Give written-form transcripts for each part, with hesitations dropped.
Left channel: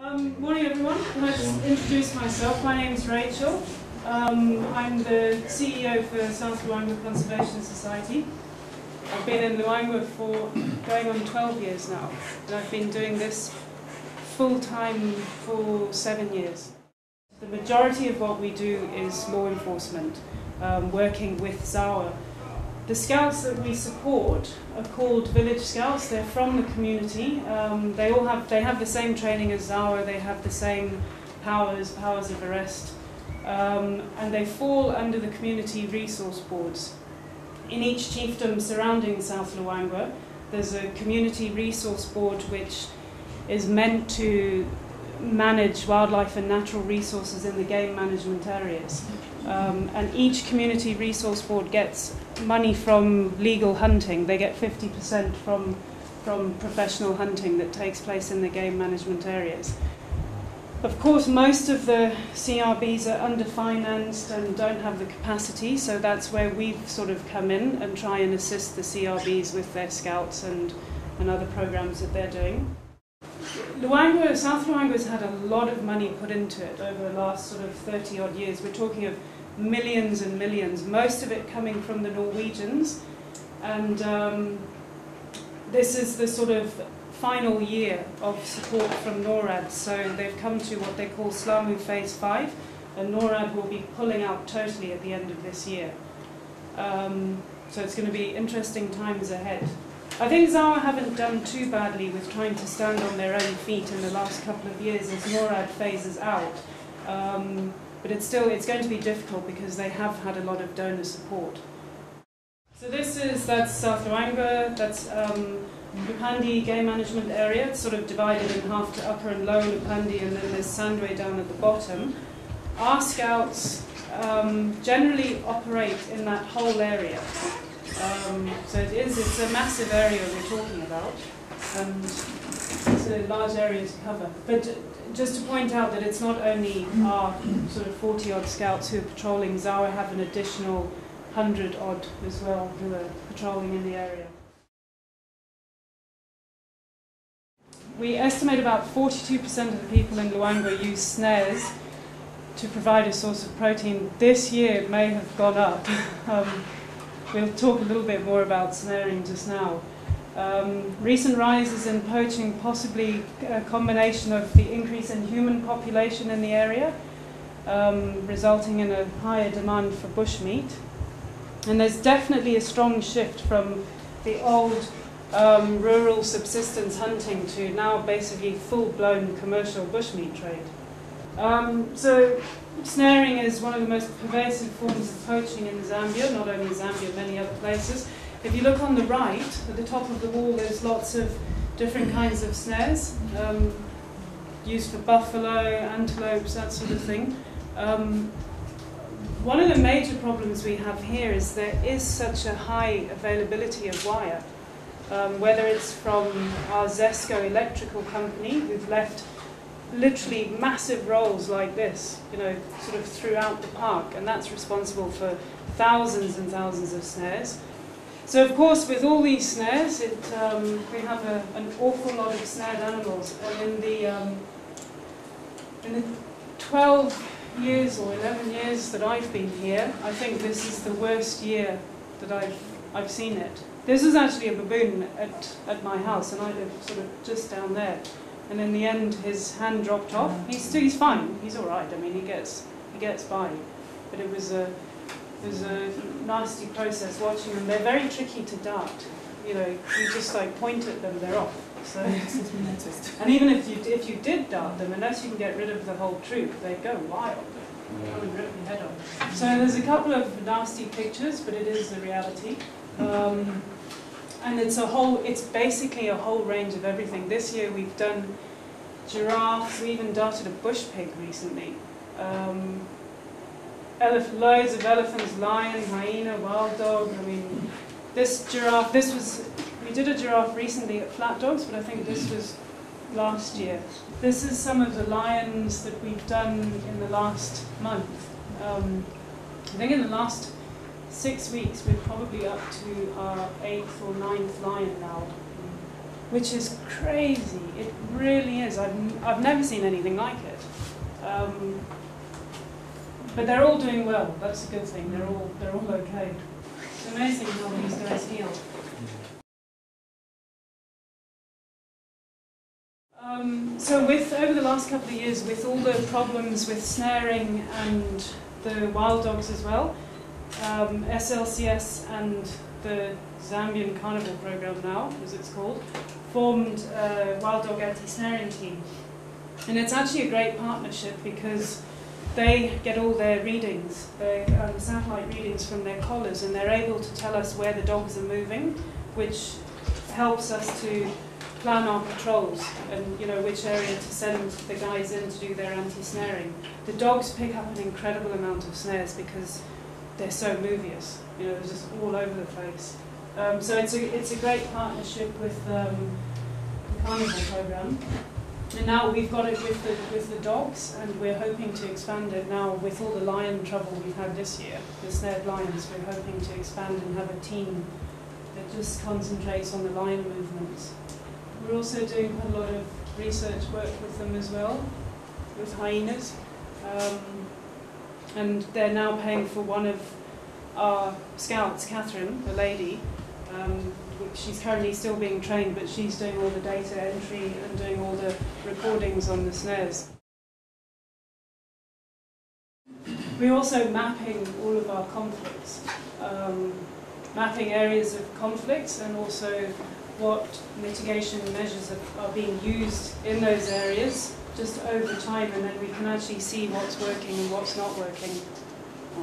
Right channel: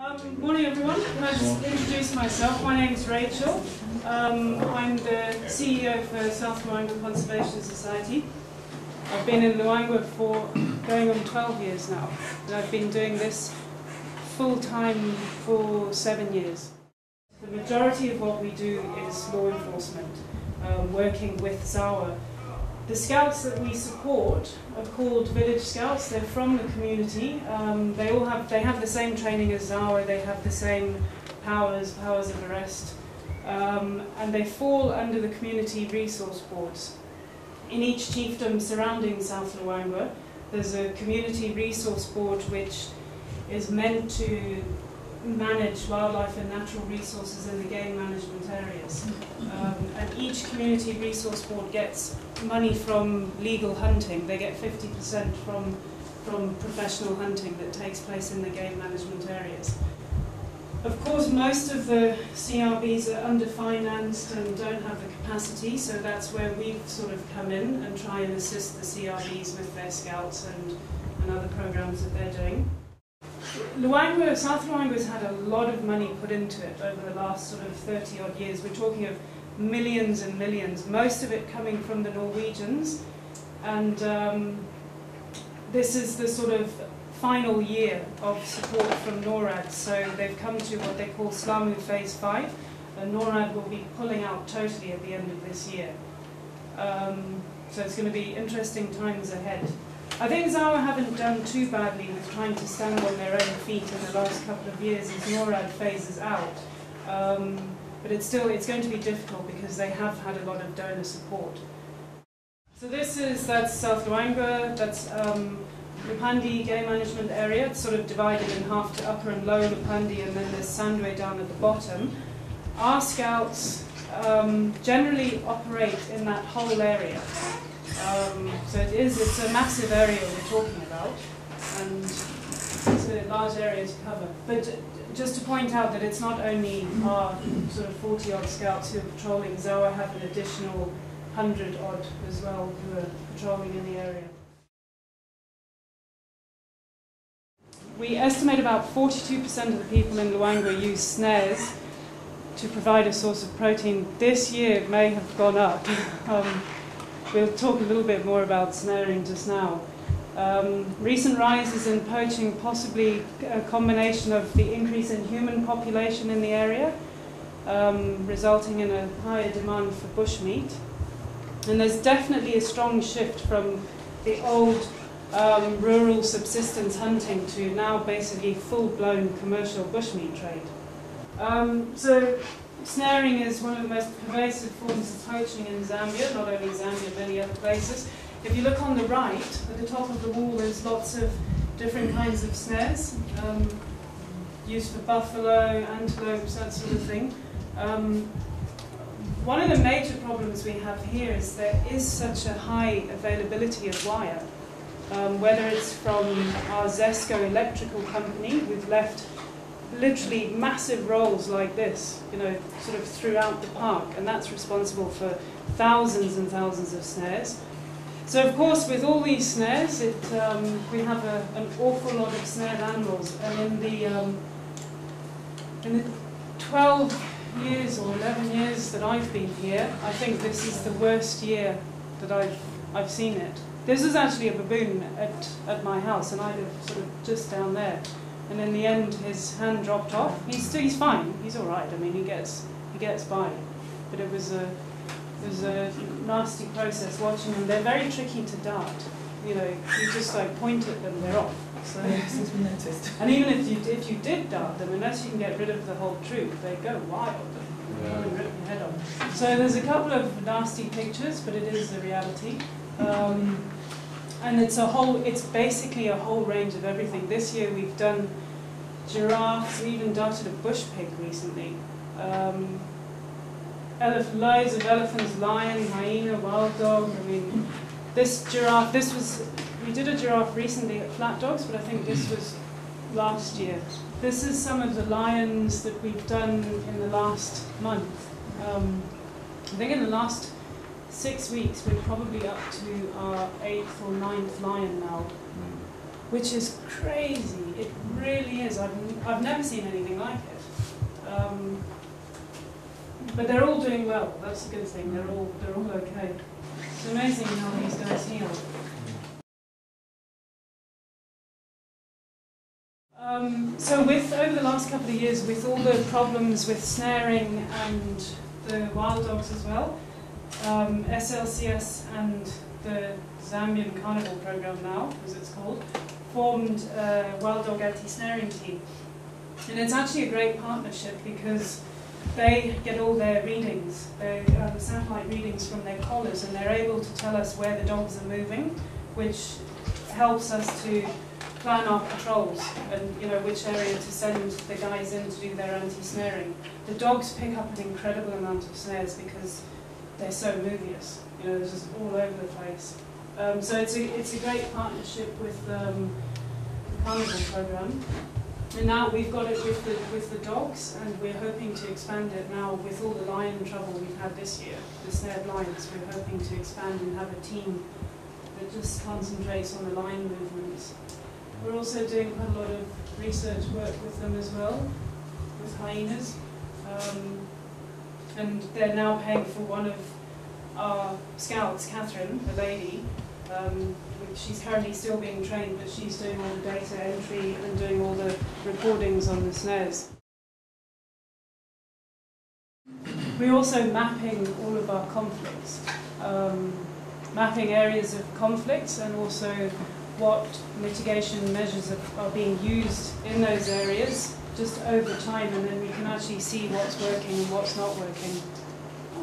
Morning everyone, can I just introduce myself? My name is Rachel. I'm the CEO for South Luangwa Conservation Society. I've been in Luangwa for going on 12 years now, and I've been doing this full-time for 7 years. The majority of what we do is law enforcement, working with Zawa. The scouts that we support are called village scouts. They're from the community. They have the same training as Zawa. They have the same powers of arrest, and they fall under the community resource boards. In each chiefdom surrounding South Luangwa, there's a community resource board which is meant to manage wildlife and natural resources in the game management areas. And each community resource board gets money from legal hunting. They get 50% from professional hunting that takes place in the game management areas. Of course, most of the CRBs are underfinanced and don't have the capacity, so that's where we've sort of come in and try and assist the CRBs with their scouts and other programs that they're doing. South Luangwa has had a lot of money put into it over the last sort of 30 odd years. We're talking of millions and millions, most of it coming from the Norwegians, and this is the sort of final year of support from NORAD, so they've come to what they call SLAMU Phase 5, and NORAD will be pulling out totally at the end of this year. So it's going to be interesting times ahead. I think Zawa haven't done too badly with trying to stand on their own feet in the last couple of years as NORAD phases out. But it's going to be difficult because they have had a lot of donor support. So that's South Luangwa, that's Lupandi game management area. It's sort of divided in half to upper and lower Lupandi, and then there's Sandway down at the bottom. Our scouts generally operate in that whole area. So it's a massive area that we're talking about, and it's a large area to cover. But just to point out that it's not only our sort of 40 odd scouts who are patrolling. Zawa have an additional 100 odd as well who are patrolling in the area. We estimate about 42% of the people in Luangwa use snares to provide a source of protein. This year it may have gone up. We'll talk a little bit more about snaring just now. Recent rises in poaching, possibly a combination of the increase in human population in the area, resulting in a higher demand for bushmeat. And there's definitely a strong shift from the old rural subsistence hunting to now basically full-blown commercial bushmeat trade. So snaring is one of the most pervasive forms of poaching in Zambia, not only Zambia, many other places. If you look on the right, at the top of the wall, there's lots of different kinds of snares, used for buffalo, antelopes, that sort of thing. One of the major problems we have here is there is such a high availability of wire, whether it's from our Zesco electrical company, who've left literally massive rolls like this, sort of throughout the park, and that's responsible for thousands and thousands of snares. So of course, with all these snares, we have an awful lot of snared animals, and in the 12 years or 11 years that I've been here, I think this is the worst year that I've seen it. This is actually a baboon at my house, and I live sort of just down there. And in the end, his hand dropped off. He's fine. He's all right. I mean, he gets by. But it was a nasty process watching them. They're very tricky to dart. You just like point at them, they're off. So since we noticed. And even if you did dart them, unless you can get rid of the whole troop, they go wild. Come and rip your head off. So there's a couple of nasty pictures, but it is the reality. And it's basically a whole range of everything. This year we've done giraffes, we even darted a bush pig recently. Loads of elephants, lion, hyena, wild dog. I mean, this giraffe, we did a giraffe recently at Flat Dogs, but I think this was last year. This is some of the lions that we've done in the last month. I think in the last 6 weeks we're probably up to our 8th or 9th lion now. which is crazy. It really is. I've never seen anything like it. But they're all doing well. That's a good thing. They're all okay. It's amazing how these guys heal. So over the last couple of years, with all the problems with snaring and the wild dogs as well, SLCS and the Zambian Carnival Program now, as it's called, formed a wild dog anti-snaring team. And it's actually a great partnership because they get all their readings, their satellite readings from their collars, and they're able to tell us where the dogs are moving, which helps us to plan our patrols and which area to send the guys in to do their anti-snaring. The dogs pick up an incredible amount of snares because they're so movious. They're just all over the place. So it's a great partnership with the Carnival Program. And now we've got it with the dogs, and we're hoping to expand it now with all the lion trouble we've had this year, the snared lions. We're hoping to expand and have a team that just concentrates on the lion movements. We're also doing a lot of research work with them as well, with hyenas. And they're now paying for one of our scouts, Catherine, a lady. She's currently still being trained, but she's doing all the data entry and doing all the recordings on the snares. We're also mapping all of our conflicts, mapping areas of conflicts and also what mitigation measures are being used in those areas just over time, and then we can actually see what's working and what's not working.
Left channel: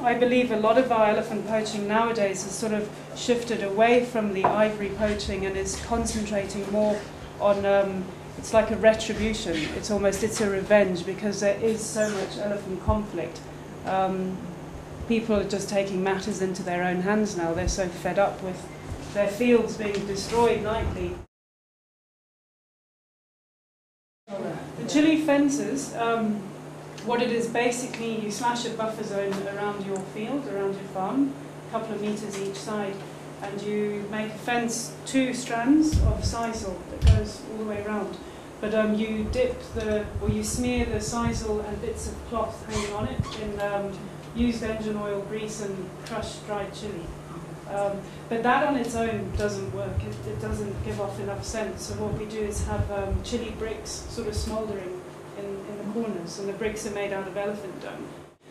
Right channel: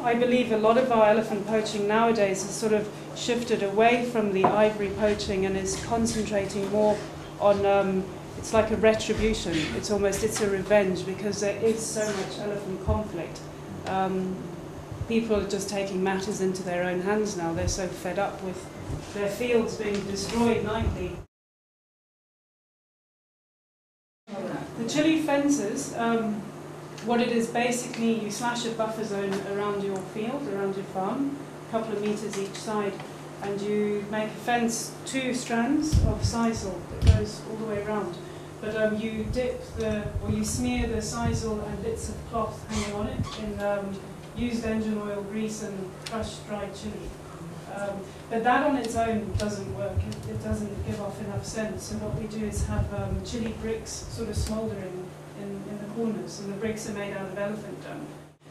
I believe a lot of our elephant poaching nowadays has sort of shifted away from the ivory poaching and is concentrating more on, it's like a retribution. It's a revenge because there is so much elephant conflict. People are just taking matters into their own hands now. They're so fed up with their fields being destroyed nightly. The Chile fences, what it is basically, you slash a buffer zone around your field, around your farm, a couple of meters each side, and you make a fence, 2 strands of sisal that goes all the way around. But you you smear the sisal and bits of cloth hanging on it in used engine oil, grease, and crushed dried chili. But that on its own doesn't work. It doesn't give off enough scent. So what we do is have chili bricks sort of smouldering in the corners, and the bricks are made out of elephant dung.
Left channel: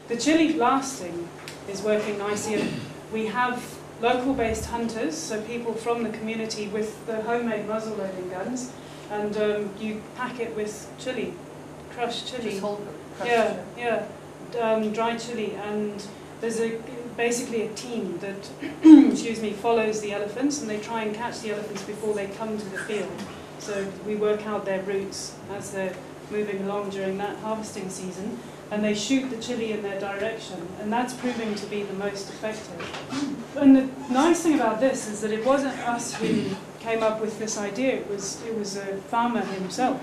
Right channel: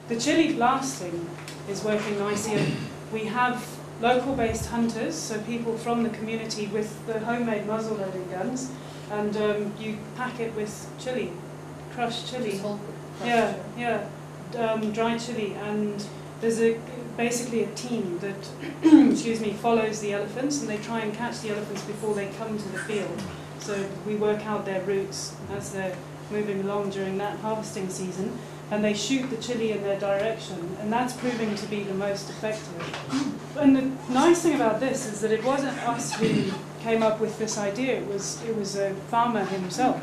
The chili blasting is working nicely, and we have local-based hunters, so people from the community with the homemade muzzle-loading guns, and you pack it with chili, crushed chili. Dried chili, and there's basically a team that follows the elephants, and they try and catch the elephants before they come to the field. So we work out their routes as they're moving along during that harvesting season, and they shoot the chili in their direction, and that's proving to be the most effective. And the nice thing about this is that it wasn't us who came up with this idea, it was a farmer himself.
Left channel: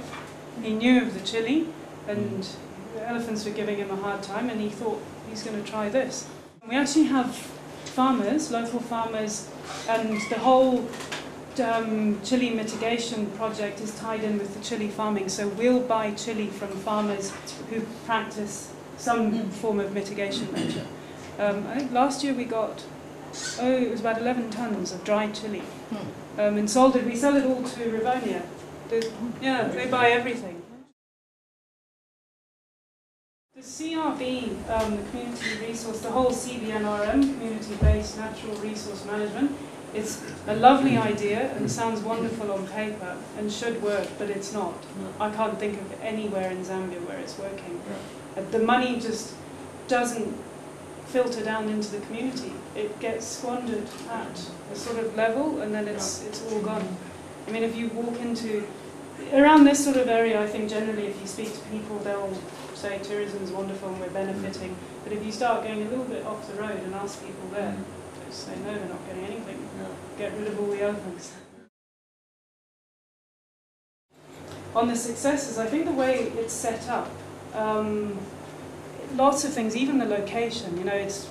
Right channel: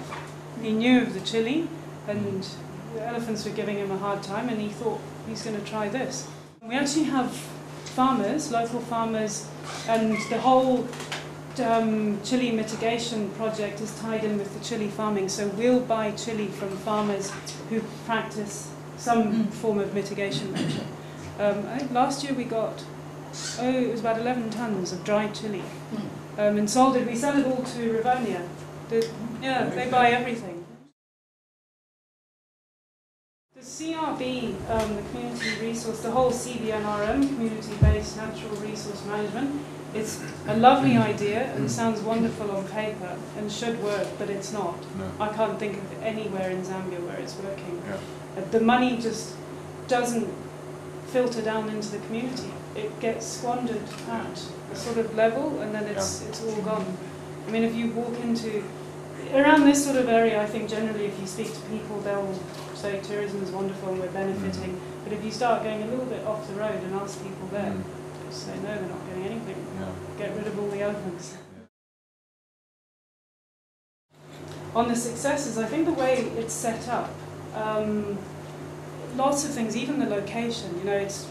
He knew of the chili, and the elephants were giving him a hard time, and he thought he's going to try this. We actually have farmers, local farmers, and the whole chili mitigation project is tied in with the chili farming. So we'll buy chili from farmers who practice some form of mitigation measure. I think last year we got, it was about 11 tons of dried chili. And sold it, we sell it all to Rivonia. They buy everything. The CRB, the community resource, the whole CBNRM, community-based natural resource management, it's a lovely idea and sounds wonderful on paper and should work, but it's not. I can't think of anywhere in Zambia where it's working. The money just doesn't filter down into the community. It gets squandered at a sort of level, and then it's all gone. I mean, if you walk into around this sort of area, I think generally if you speak to people, they'll say tourism is wonderful and we're benefiting. But if you start going a little bit off the road and ask people there, they say no, they're not getting anything. Get rid of all the elephants. On the successes, I think the way it's set up, lots of things, even the location,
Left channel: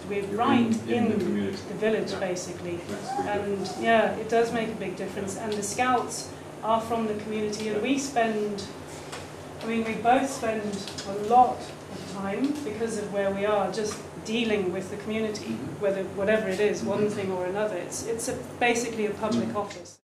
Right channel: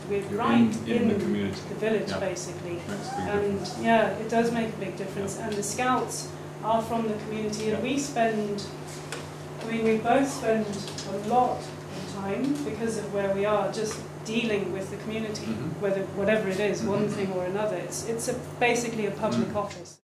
we're right in the village basically, and it does make a big difference. And the scouts are from the community, and we both spend a lot of time, because of where we are, just dealing with the community, whatever it is, one thing or another. It's basically a public office.